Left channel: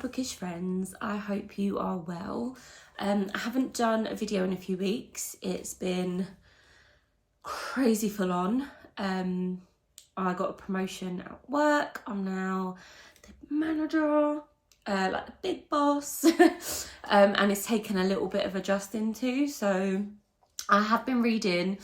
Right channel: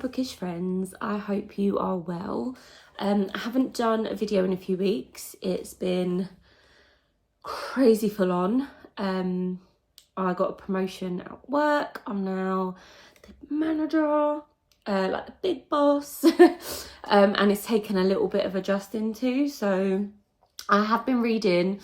bookish friends, I hope you are well. I haven't done a video in a few weeks. It's been crazy full on. I got a promotion at work. I'm now the manager, like the big boss. And it's taken a little bit of adjusting to. So I have been reading.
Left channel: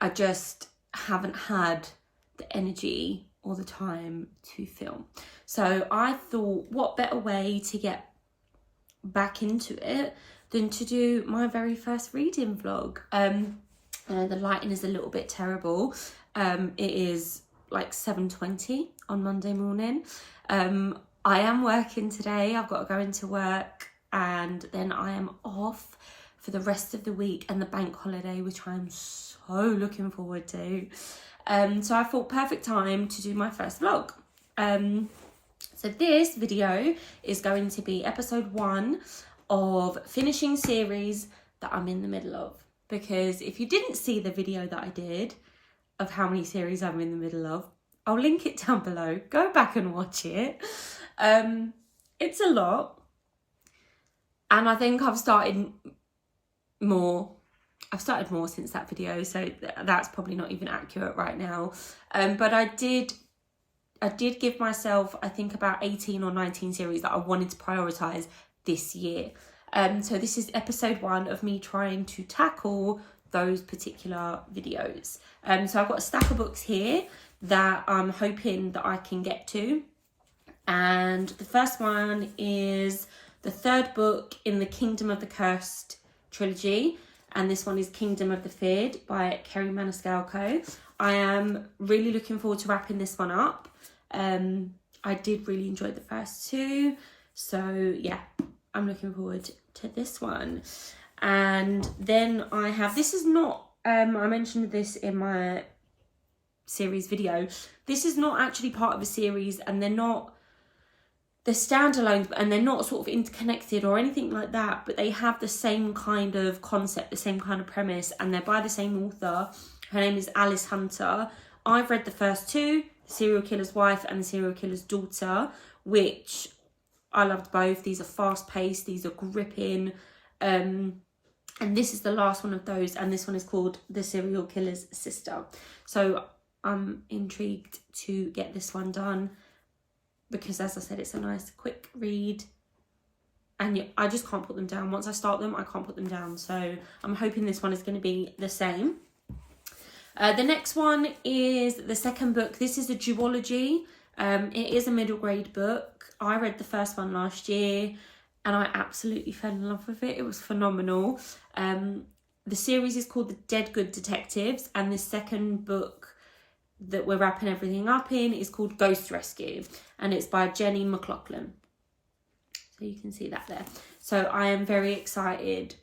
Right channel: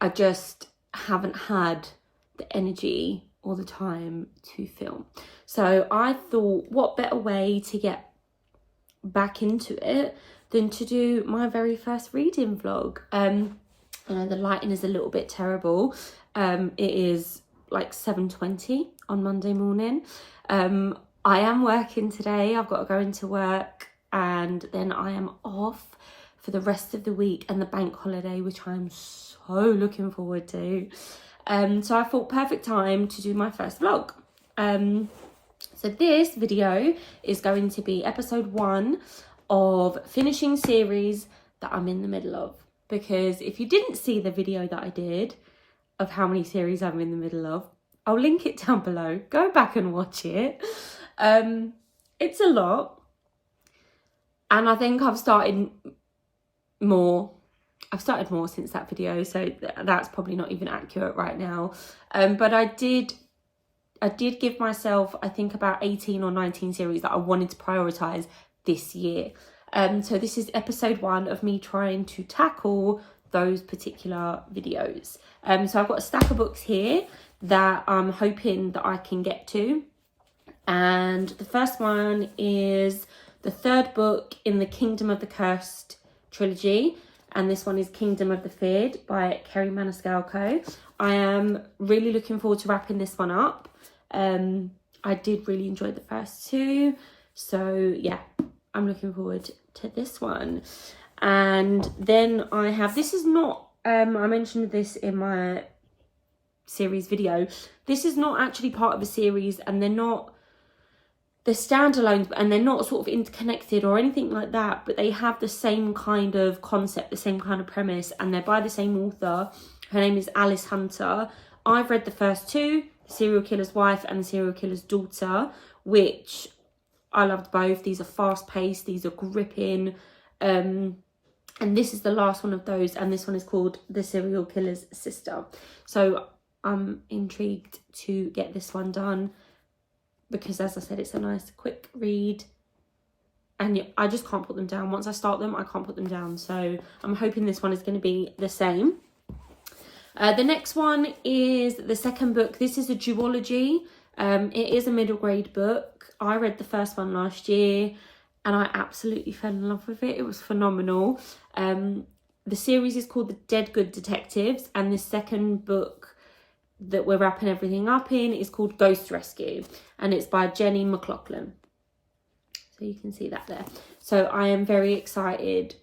I just haven't had the energy or the time to film. So I thought, what better way to get back into it than to do my very first reading vlog. I know the lighting is a little bit terrible. It is like 7:20 on Monday morning. I am working today. I've got to go into work and then I am off for the rest of the week and the bank holiday, which I'm so looking forward to. So I thought perfect time to do my first vlog. So this video is going to be episode 1 of finishing series that I'm in the middle of. Because if you didn't see the video that I did of how many series I'm in the middle of, I'll link it down below. Go back and watch it. It's a lot. And I think I've started more since that video, so that's probably not even accurate right now. But I did give myself, I think, about 18 or 19 series that I wanted to prioritise this year. So this is episode 1 of me trying to tackle those particular videos. So I've got a stack of books here that I'm hoping that I can get to. And the first one is the 3rd book in the Kingdom of the Cursed trilogy. And this one is Kingdom of the Feared by Kerry Maniscalco. I am really looking forward to wrapping this one up. I did really enjoy the first 2. So yeah, I'm looking forward to this one. And then I have, this is not, I mentioned this in my series video. This is not actually part of a series, and they're standalones, and they're not sort of interconnected or anything like that, but they have the same kind of concept, the same kind of premise, and they're by the same author. Her name is Alice Hunter. I've read the first 2, The Serial Killer's Wife and The Serial Killer's Daughter, which I loved both. These are fast-paced, these are gripping, and this is the last one of those, and this one is called The Serial Killer's Sister. So I'm intrigued to get this one done, because as I said, it's a nice quick read, and I just can't put them down. Once I start them, I can't put them down. So I'm hoping this one is going to be the same. The next one is the 2nd book. This is a duology. It is a middle grade book. I read the first one last year and I absolutely fell in love with it. It was phenomenal. The series is called The Dead Good Detectives, and the 2nd book that we're wrapping everything up in is called Ghost Rescue, and it's by Jenny McLaughlin. So you can see that there. So I am very excited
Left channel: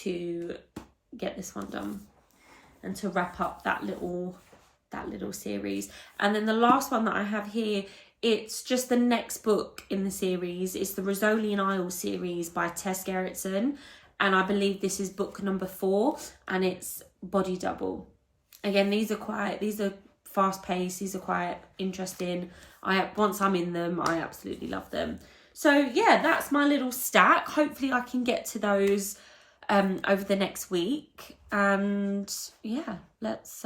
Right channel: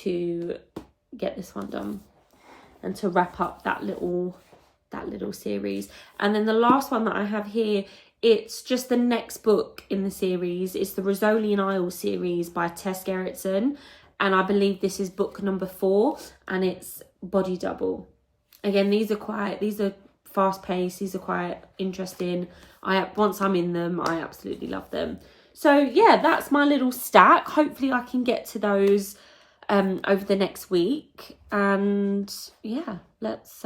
to get this one done and to wrap up that little series. And then the last one that I have here, it's just the next book in the series. It's the Rosolian Isles series by Tess Gerritsen, and I believe this is book number 4, and it's Body Double. Again, these are fast-paced, these are quite interesting. Once I'm in them, I absolutely love them. So yeah, that's my little stack. Hopefully I can get to those over the next week, and yeah, let's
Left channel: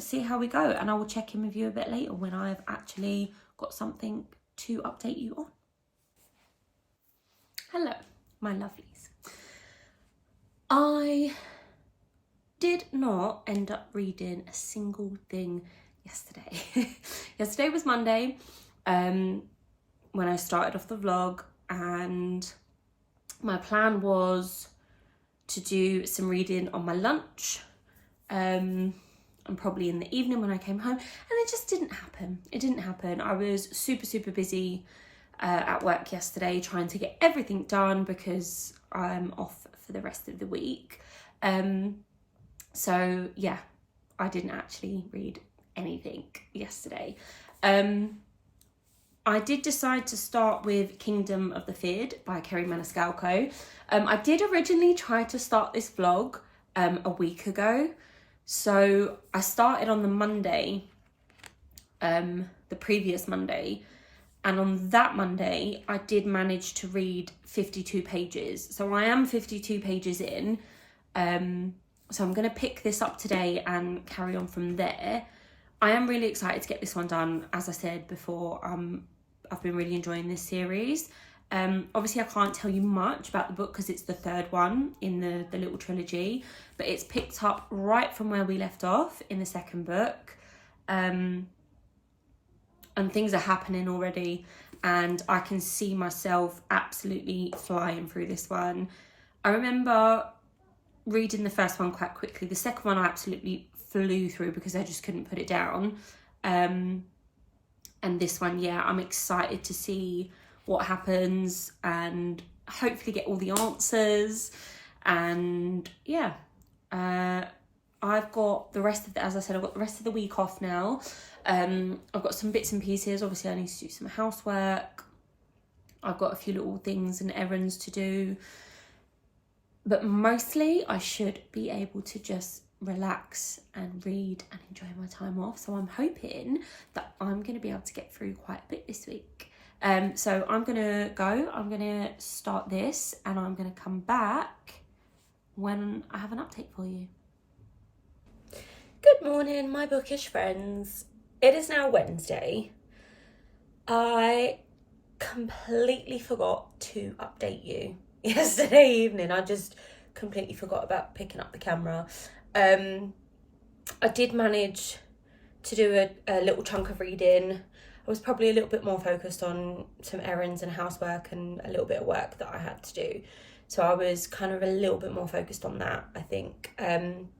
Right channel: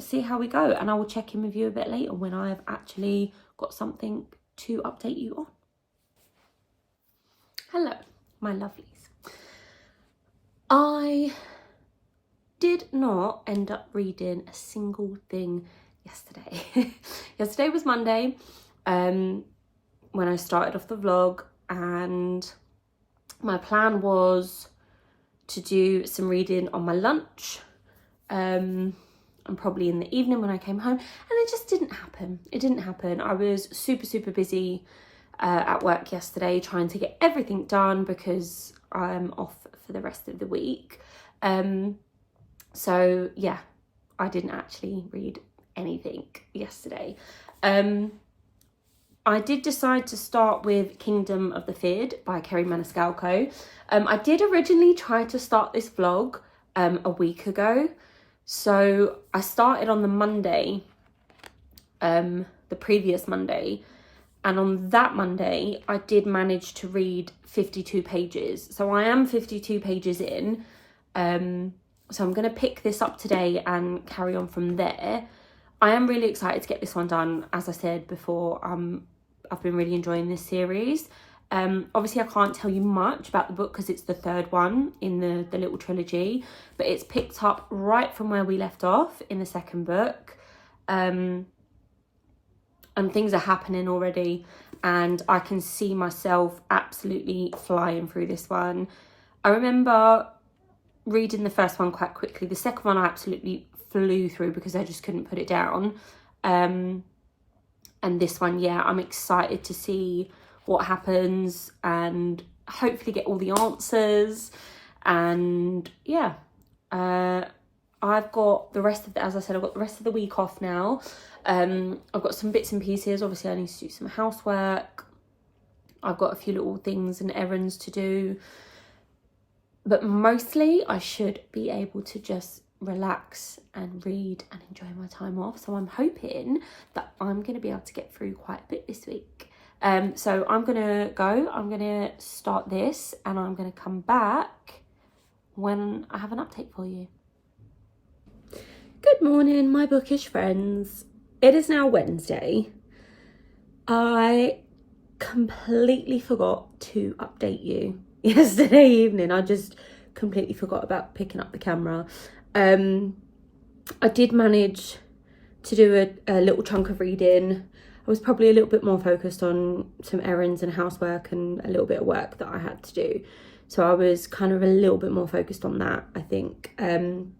see how we go, and I will check in with you a bit later when I've actually got something to update you on. Hello, my lovelies. I did not end up reading a single thing yesterday. Yesterday was Monday, when I started off the vlog, and my plan was to do some reading on my lunch, and probably in the evening when I came home, and it just didn't happen. It didn't happen. I was super busy at work yesterday trying to get everything done because I'm off for the rest of the week. So yeah, I didn't actually read anything yesterday. I did decide to start with Kingdom of the Feared by Kerry Maniscalco. I did originally try to start this vlog a week ago. So I started on the Monday, the previous Monday, And on that Monday, I did manage to read 52 pages. So I am 52 pages in. So I'm going to pick this up today and carry on from there. I am really excited to get this one done. As I said before, I've been really enjoying this series. Obviously, I can't tell you much about the book because it's the third one in the little trilogy. But it's picked up right from where we left off in the second book. And things are happening already. And I can see myself absolutely flying through this one. I remember reading the first one quite quickly. The second one I absolutely flew through because I just couldn't put it down. And this one, yeah, I'm excited to see what happens and hopefully get all the answers. And yeah, I've got the rest of the, as I said, I've got the rest of the week off now. I've got some bits and pieces. Obviously, I need to do some housework. I've got a few little things and errands to do. But mostly, I should be able to just relax and read and enjoy my time off. So I'm hoping that I'm going to be able to get through quite a bit this week. So I'm going to go. I'm going to start this and I'm going to come back when I have an update for you. Good morning, my bookish friends. It is now Wednesday. I completely forgot to update you yesterday evening. I just completely forgot about picking up the camera. I did manage to do a little chunk of reading. I was probably a little bit more focused on some errands and housework and a little bit of work that I had to do. So I was kind of a little bit more focused on that, I think. And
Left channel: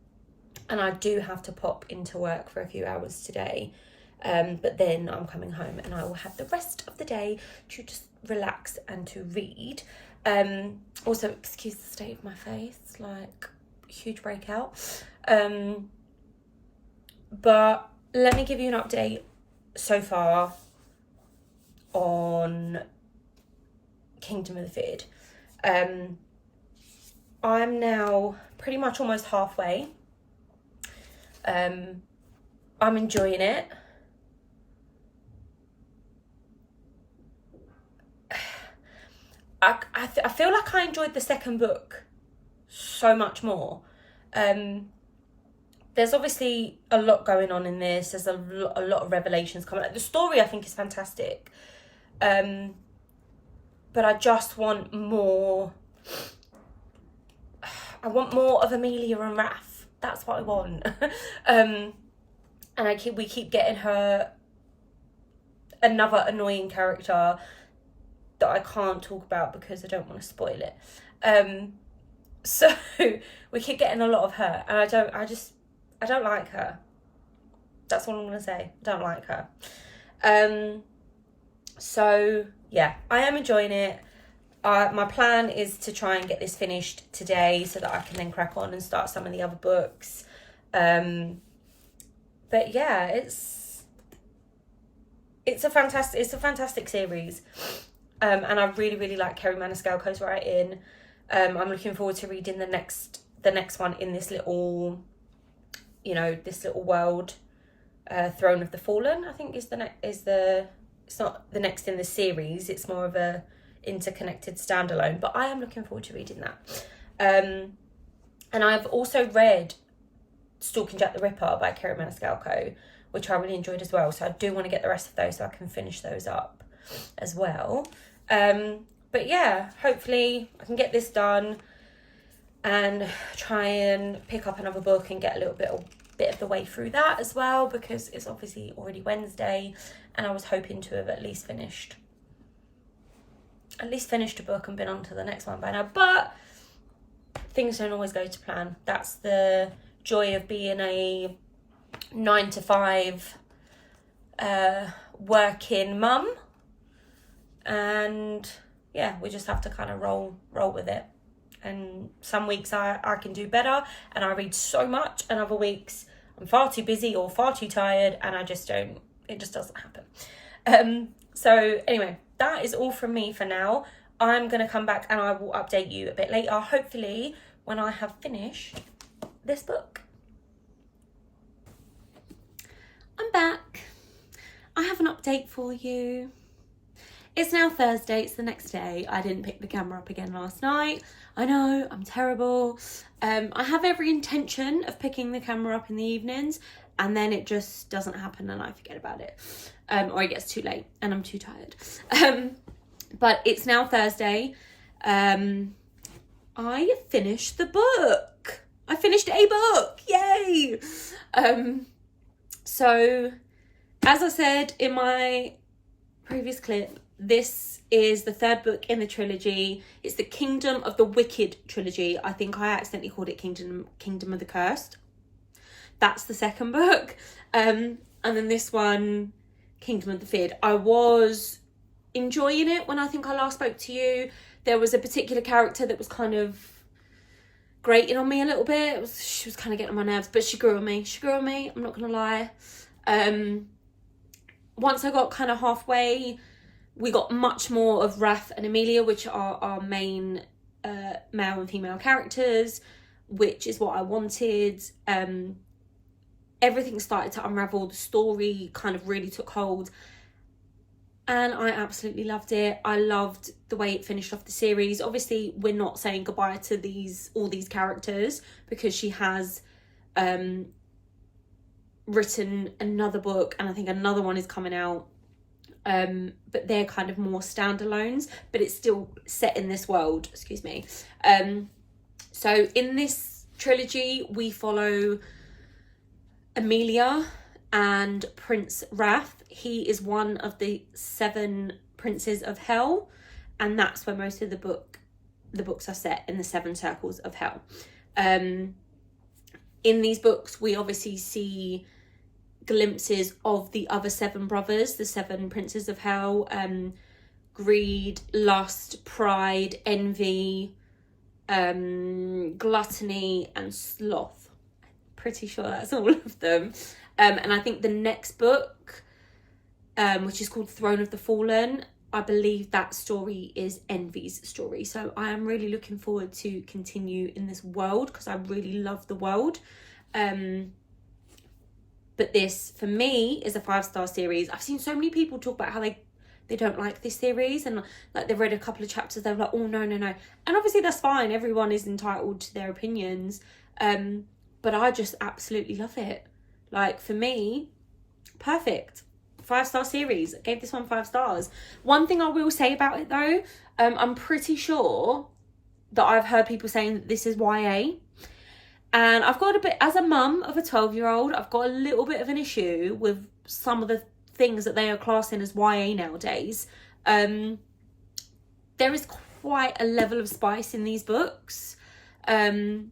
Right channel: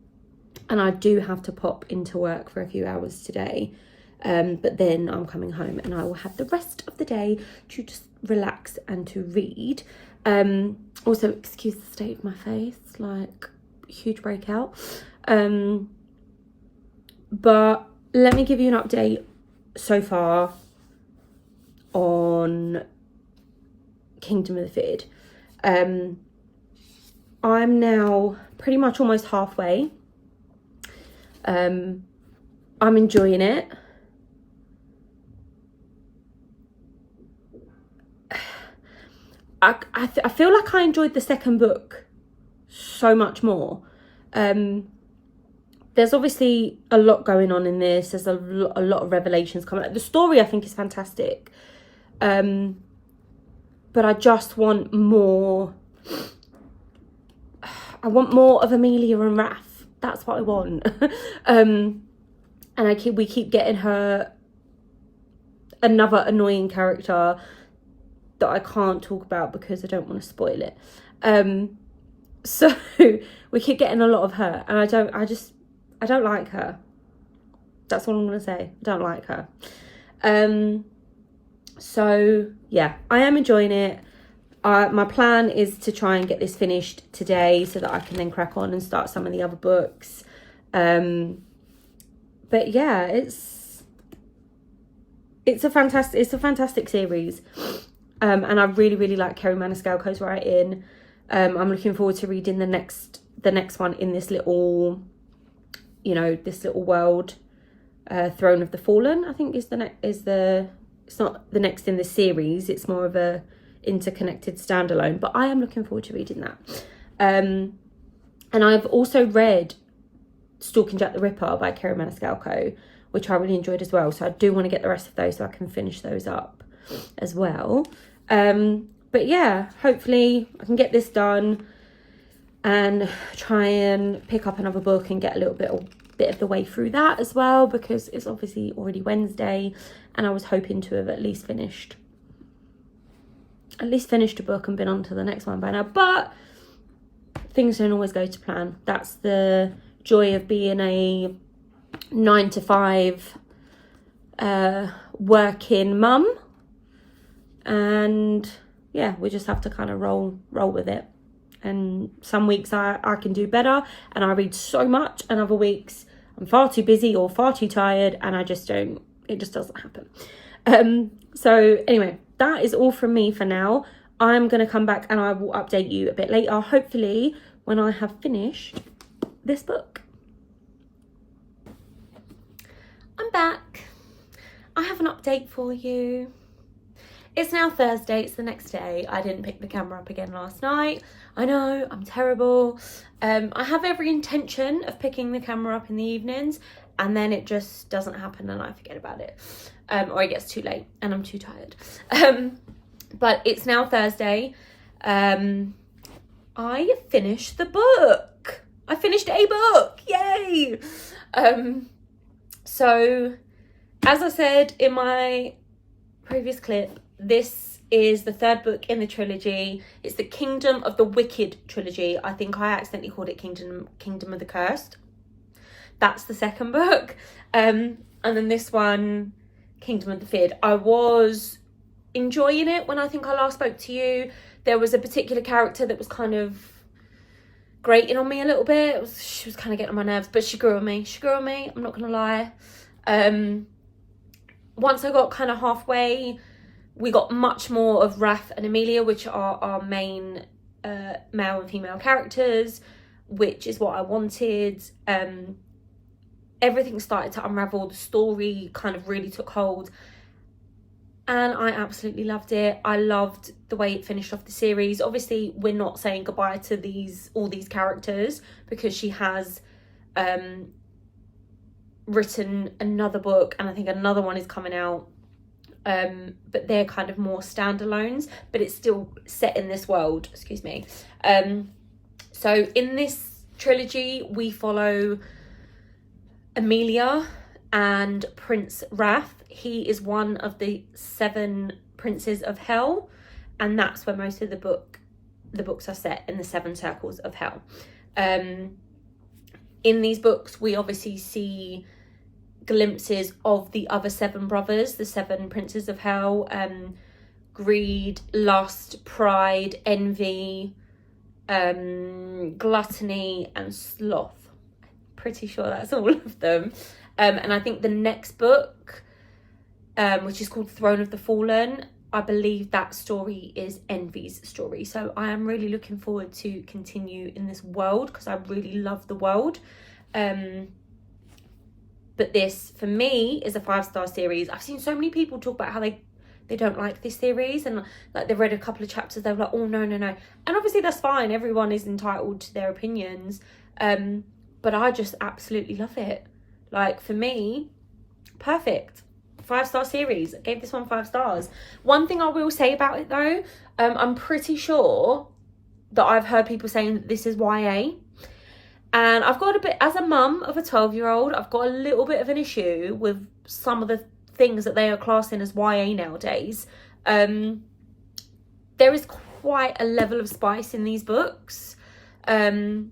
I do have to pop into work for a few hours today. But then I'm coming home and I will have the rest of the day to just relax and to read. Also, excuse the state of my face, like huge breakout. But let me give you an update so far on Kingdom of the Fid. I'm now pretty much almost halfway. I'm enjoying it. I feel like I enjoyed the second book so much more. There's obviously a lot going on in this. There's a lot of revelations coming out. The story I think is fantastic. But I just want more. I want more of Amelia and Raph. That's what I want. And we keep getting her another annoying character that I can't talk about because I don't want to spoil it. So we keep getting a lot of her, and I don't like her. That's all I'm gonna say. I don't like her. So yeah, I am enjoying it. My plan is to try and get this finished today so that I can then crack on and start some of the other books. But yeah, it's a fantastic series. And I really like Kerry Maniscalco's writing. I'm looking forward to reading the next one in this little, this little world. Throne of the Fallen, I think, it's not the next in the series. It's more of a interconnected standalone. But I am looking forward to reading that. And I've also read Stalking Jack the Ripper by Kerry Maniscalco, which I really enjoyed as well. So I do want to get the rest of those so I can finish those up as well. But yeah, hopefully I can get this done and try and pick up another book and get a little bit of the way through that as well, because it's obviously already Wednesday and I was hoping to have at least finished a book and been on to the next one by now. But things don't always go to plan. That's the joy of being a 9-to-5 working mum. And yeah, we just have to kind of roll with it. And some weeks I can do better and I read so much, and other weeks I'm far too busy or far too tired and it just doesn't happen. So anyway, that is all from me for now. I'm going to come back and I will update you a bit later, hopefully when I have finished this book. I'm back. I have an update for you. It's now Thursday, it's the next day. I didn't pick the camera up again last night. I know, I'm terrible. I have every intention of picking the camera up in the evenings, and then it just doesn't happen and I forget about it. Or it gets too late and I'm too tired. But it's now Thursday. I finished the book. I finished a book, yay! So, as I said in my previous clip, this is the third book in the trilogy. It's the Kingdom of the Wicked trilogy. I think I accidentally called it Kingdom of the Cursed. That's the second book. And then this one, Kingdom of the Feared. I was enjoying it when I think I last spoke to you. There was a particular character that was kind of grating on me a little bit. She was kind of getting on my nerves, but she grew on me. I'm not going to lie. Once I got kind of halfway, we got much more of Raph and Amelia, which are our main male and female characters, which is what I wanted. Everything started to unravel. The story kind of really took hold, and I absolutely loved it. I loved the way it finished off the series. Obviously, we're not saying goodbye to all these characters, because she has written another book, and I think another one is coming out. But they're kind of more standalones, but it's still set in this world, excuse me. So in this trilogy, we follow Amelia and Prince Raph. He is one of the 7 princes of hell, and that's where most of the books are set, in the 7 circles of hell. In these books, we obviously see glimpses of the other 7 brothers, the 7 princes of hell. Greed, lust, pride, envy, gluttony and sloth. Pretty sure that's all of them. And I think the next book, which is called Throne of the Fallen, I believe that story is Envy's story. So I am really looking forward to continue in this world, because I really love the world. But this, for me, is a 5-star series. I've seen so many people talk about how they don't like this series, and like they've read a couple of chapters, they're like, oh no. And obviously that's fine. Everyone is entitled to their opinions. But I just absolutely love it. Like, for me, perfect. 5-star series. I gave this one 5 stars. One thing I will say about it though, I'm pretty sure that I've heard people saying that this is YA. And I've got a bit, as a mum of a 12-year-old, I've got a little bit of an issue with some of the things that they are classing as YA nowadays. There is quite a level of spice in these books that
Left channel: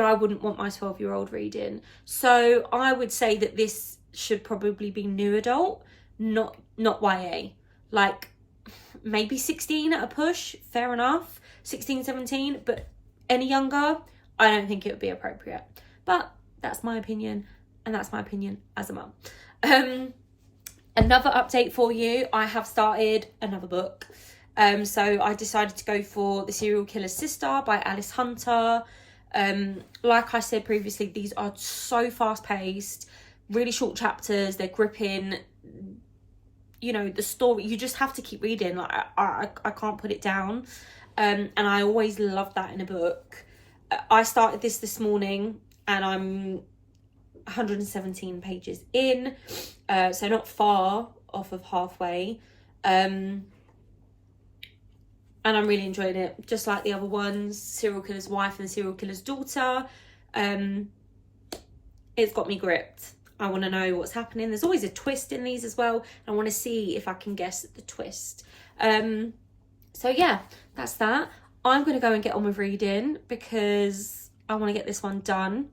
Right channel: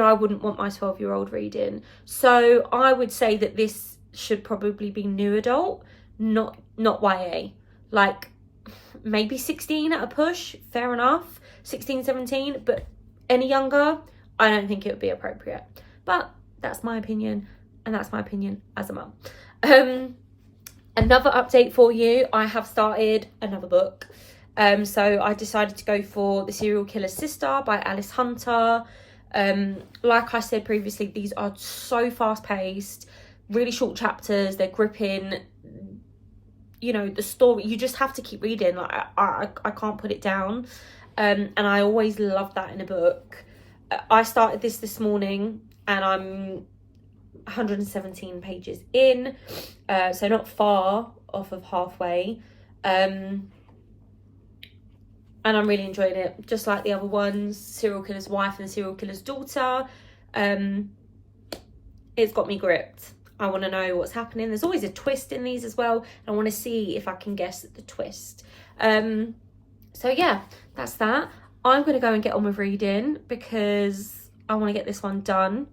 I wouldn't want my 12-year-old reading. So I would say that this should probably be new adult, not YA. Like, maybe 16 at a push, fair enough. 16, 17, but any younger, I don't think it would be appropriate. But that's my opinion, and that's my opinion as a mum. Another update for you, I have started another book. So I decided to go for The Serial Killer's Sister by Alice Hunter. Like I said previously, these are so fast-paced, really short chapters, they're gripping. You know, the story, you just have to keep reading. Like, I can't put it down. And I always love that in a book. I started this morning, and I'm 117 pages in, so not far off of halfway. And I'm really enjoying it, just like the other ones, Serial Killer's Wife and Serial Killer's Daughter. It's got me gripped. I want to know what's happening. There's always a twist in these as well. I want to see if I can guess the twist. So yeah, that's that. I'm going to go and get on with reading, because I want to get this one done.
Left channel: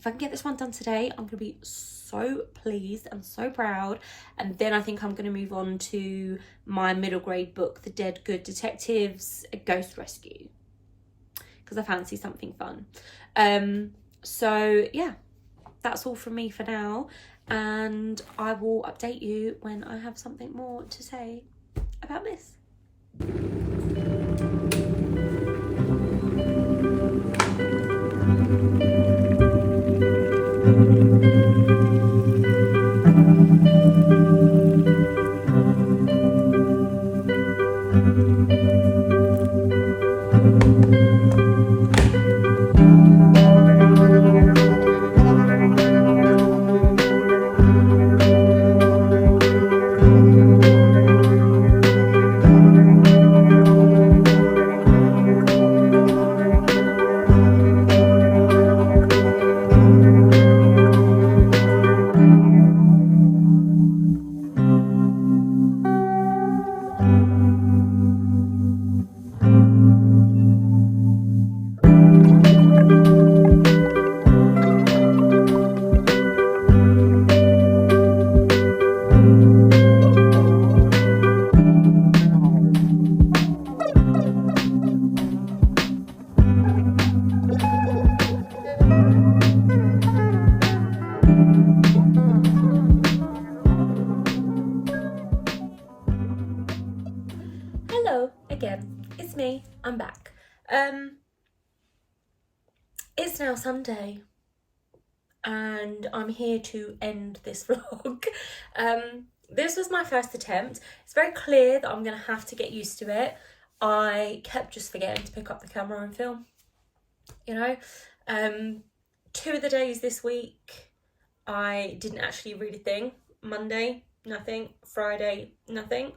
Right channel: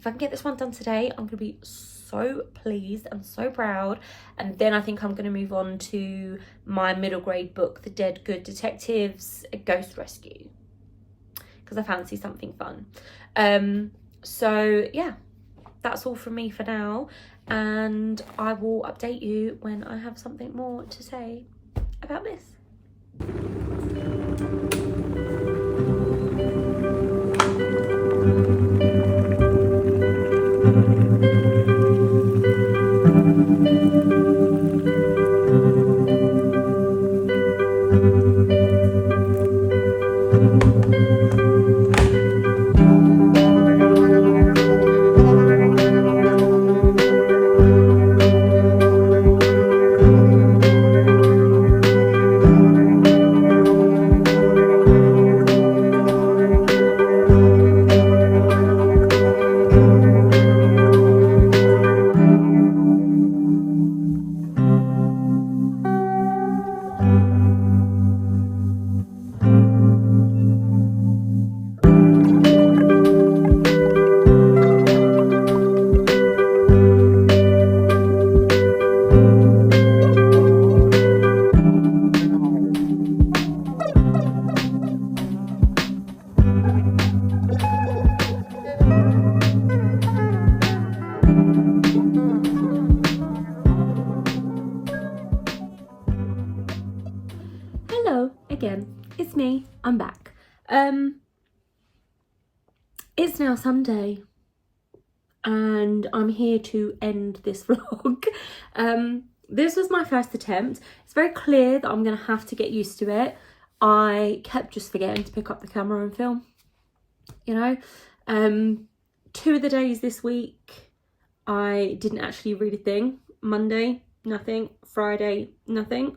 If I can get this one done today, I'm going to be so pleased and so proud. And then I think I'm going to move on to my middle grade book, The Dead Good Detectives, A Ghost Rescue, because I fancy something fun. So yeah, that's all from me for now, and I will update you when I have something more to say about this. me, I'm back. It's now Sunday and I'm here to end this vlog. This was my first attempt. It's very clear that I'm gonna have to get used to it. I kept just forgetting to pick up the camera and film, you know. 2 of the days this week I didn't actually read a thing. Monday, nothing. Friday, nothing.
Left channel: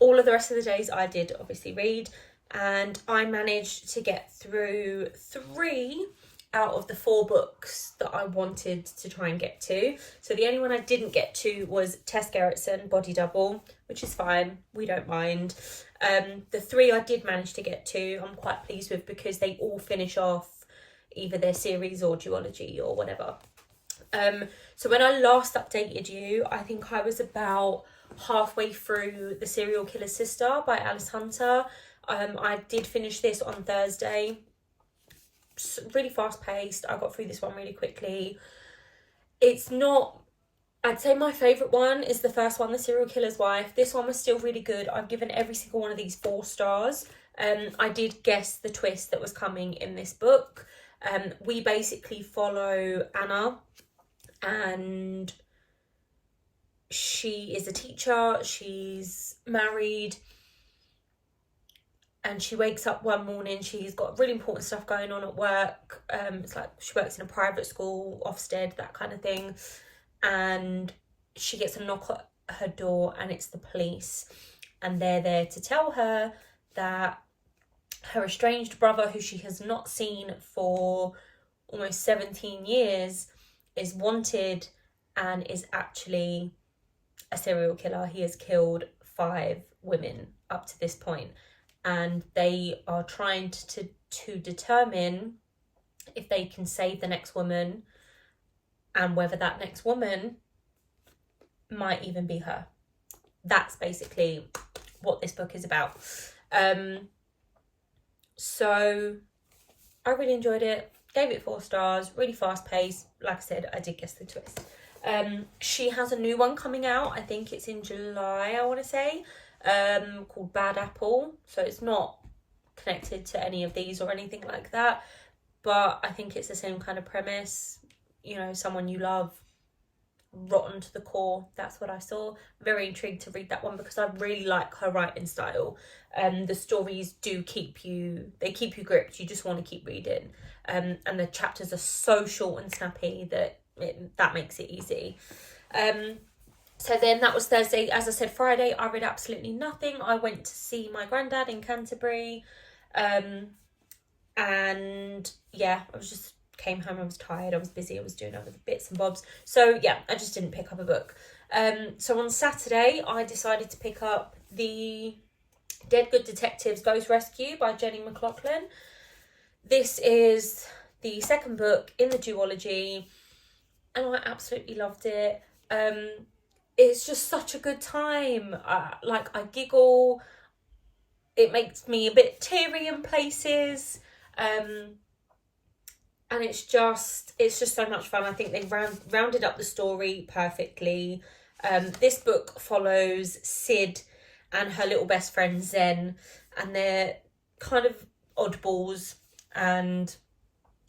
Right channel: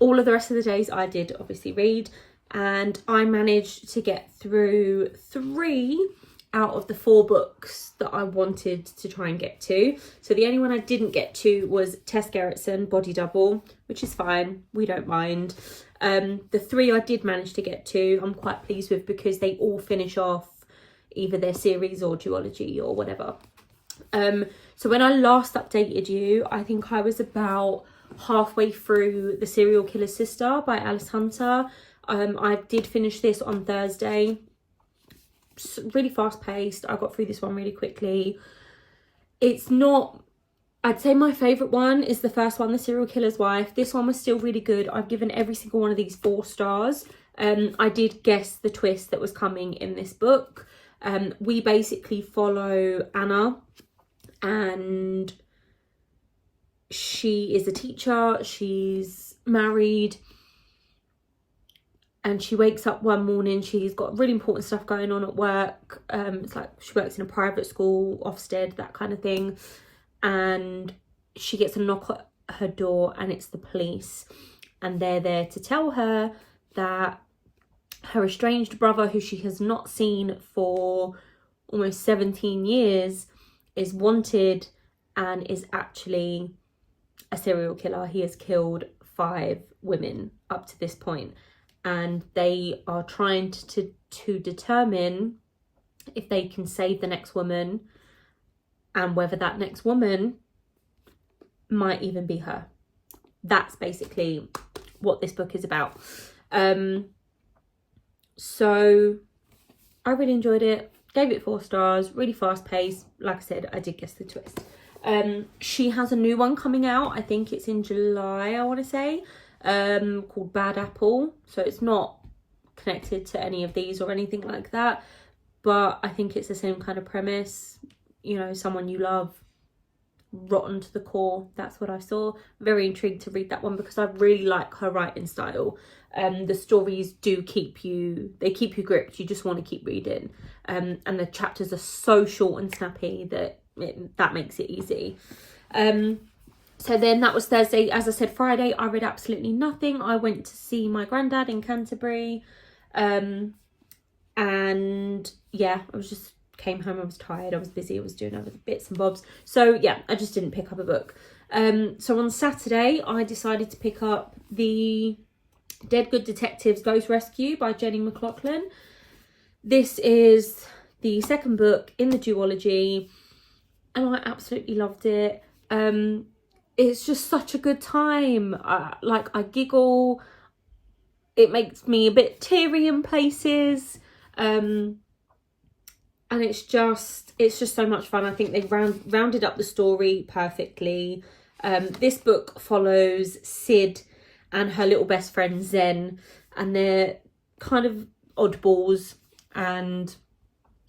All of the rest of the days I did obviously read, and I managed to get through 3 out of the 4 books that I wanted to try and get to. So the only one I didn't get to was Tess Gerritsen, Body Double, which is fine, we don't mind. The 3 I did manage to get to, I'm quite pleased with, because they all finish off either their series or duology or whatever. So when I last updated you, I think I was about halfway through The Serial Killer's Sister by Alice Hunter. I did finish this on Thursday. Really fast paced. I got through this one really quickly. It's not, I'd say my favourite one is the first one, The Serial Killer's Wife. This one was still really good. I've given every single one of these 4 stars. I did guess the twist that was coming in this book. We basically follow Anna, and she is a teacher, she's married, and she wakes up one morning, she's got really important stuff going on at work. It's like she works in a private school, Ofsted, that kind of thing, and she gets a knock at her door, and it's the police, and they're there to tell her that her estranged brother, who she has not seen for almost 17 years, is wanted and is actually a serial killer. He has killed 5 women up to this point, and they are trying to determine if they can save the next woman, and whether that next woman might even be her. That's basically what this book is about. So I really enjoyed it, gave it 4 stars, really fast paced. Like I said, I did guess the twist. She has a new one coming out, I think it's in July, I want to say, called Bad Apple. So it's not connected to any of these or anything like that, but I think it's the same kind of premise, you know, someone you love rotten to the core. That's what I saw. Very intrigued to read that one because I really like her writing style. The stories do keep you gripped. You just want to keep reading, and the chapters are so short and snappy that that makes it easy. So then that was Thursday. As I said, Friday I read absolutely nothing. I went to see my granddad in Canterbury, and yeah, I was just came home, I was tired, I was busy, I was doing other bits and bobs, so yeah, I just didn't pick up a book. So on Saturday I decided to pick up the Dead Good Detectives Ghost Rescue by Jenny McLaughlin. This is the 2nd book in the duology, and I absolutely loved it. It's just such a good time. Like, I giggle, it makes me a bit teary in places, and it's just so much fun. I think they rounded up the story perfectly. This book follows Sid and her little best friend Zen, and they're kind of oddballs, and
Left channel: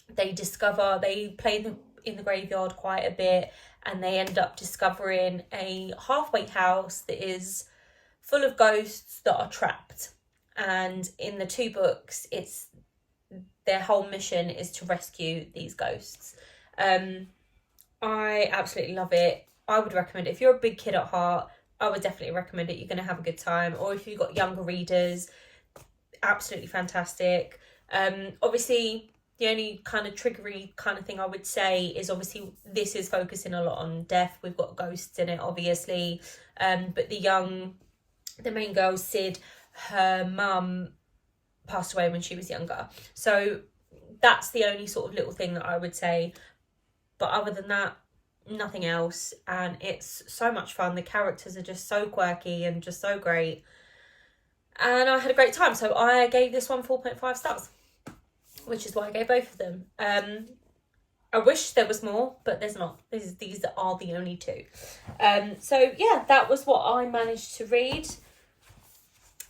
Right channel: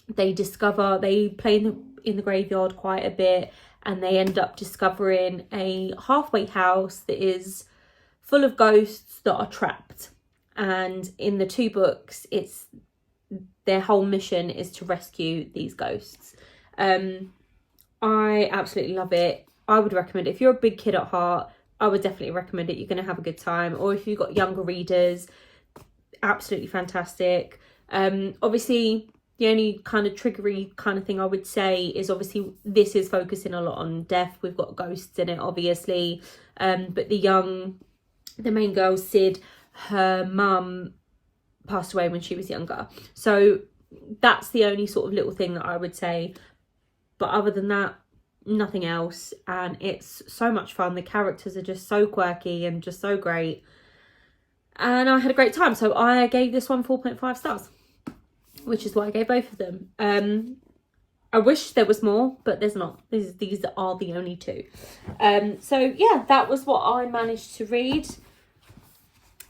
they play in the graveyard quite a bit, and they end up discovering a halfway house that is full of ghosts that are trapped. And in the 2 books, their whole mission is to rescue these ghosts. I absolutely love it. I would recommend it. If you're a big kid at heart, I would definitely recommend it. You're going to have a good time. Or if you've got younger readers, absolutely fantastic. Obviously, the only kind of triggery kind of thing I would say is, obviously this is focusing a lot on death. We've got ghosts in it, obviously. But the main girl, Sid, her mum passed away when she was younger. So that's the only sort of little thing that I would say. But other than that, nothing else. And it's so much fun. The characters are just so quirky and just so great. And I had a great time. So I gave this one 4.5 stars, which is what I gave both of them. I wish there was more, but there's not. These are the only 2. So yeah, that was what I managed to read.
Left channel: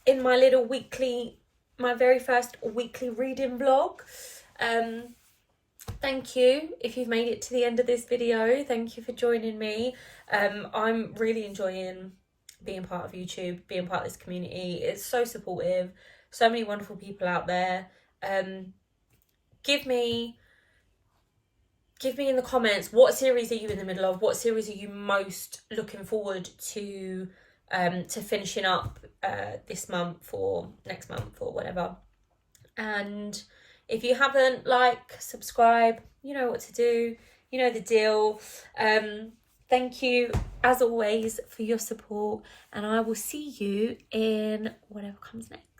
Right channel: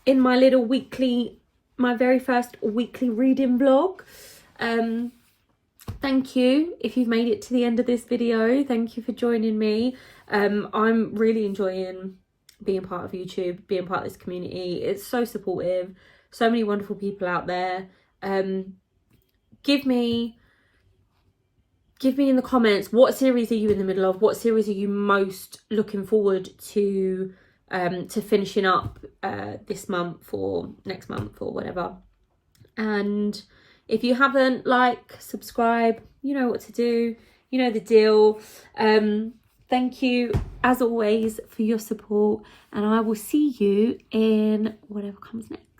in my little weekly, my very first weekly reading vlog. Thank you if you've made it to the end of this video. Thank you for joining me. I'm really enjoying being part of YouTube, being part of this community. It's so supportive, so many wonderful people out there. Give me in the comments, what series are you in the middle of? What series are you most looking forward to finishing up this month or next month or whatever? And if you haven't, like, subscribe, you know what to do, you know the deal. Thank you as always for your support, and I will see you in whatever comes next.